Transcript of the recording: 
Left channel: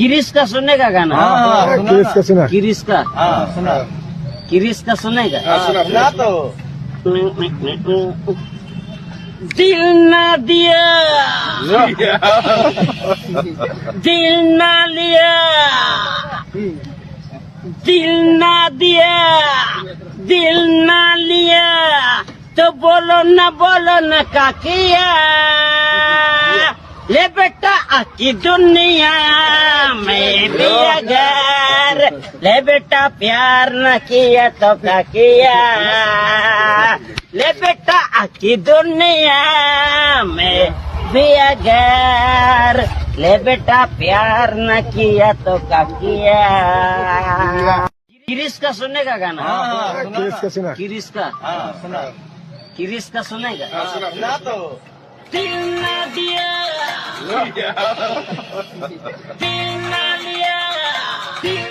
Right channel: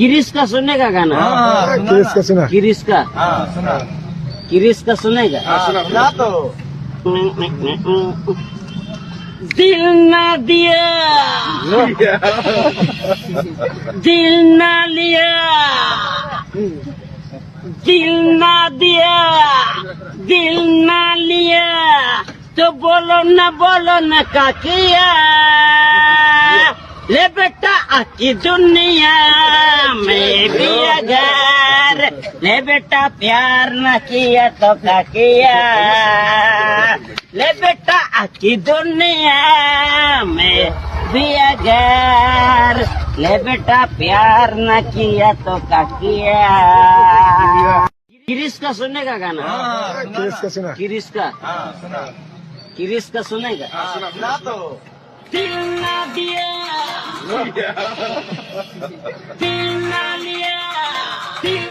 किरिस का सुनेगा गाना? किरिस का सुना। किरिस का सुना किरिस का सुनेगा? सुना तो दिल ना दिया, दिल ना लिया, दिल ना दिया, दिल ना लिया, तो बोलो न का किया। ले बेटा आकी दुनिया में भी अगर, ले बेटा प्यार न किया तो क्या किया। ले बेटा आकी दुनिया में भी अगर, ले बेटा प्यार न किया तो क्या किया। किरिस का सुनेगा गाना? किरिस का सुना। किरिस का सुना किरिस का सुनेगा? सुना तो दिल ना दिया, दिल ना लिया, दिल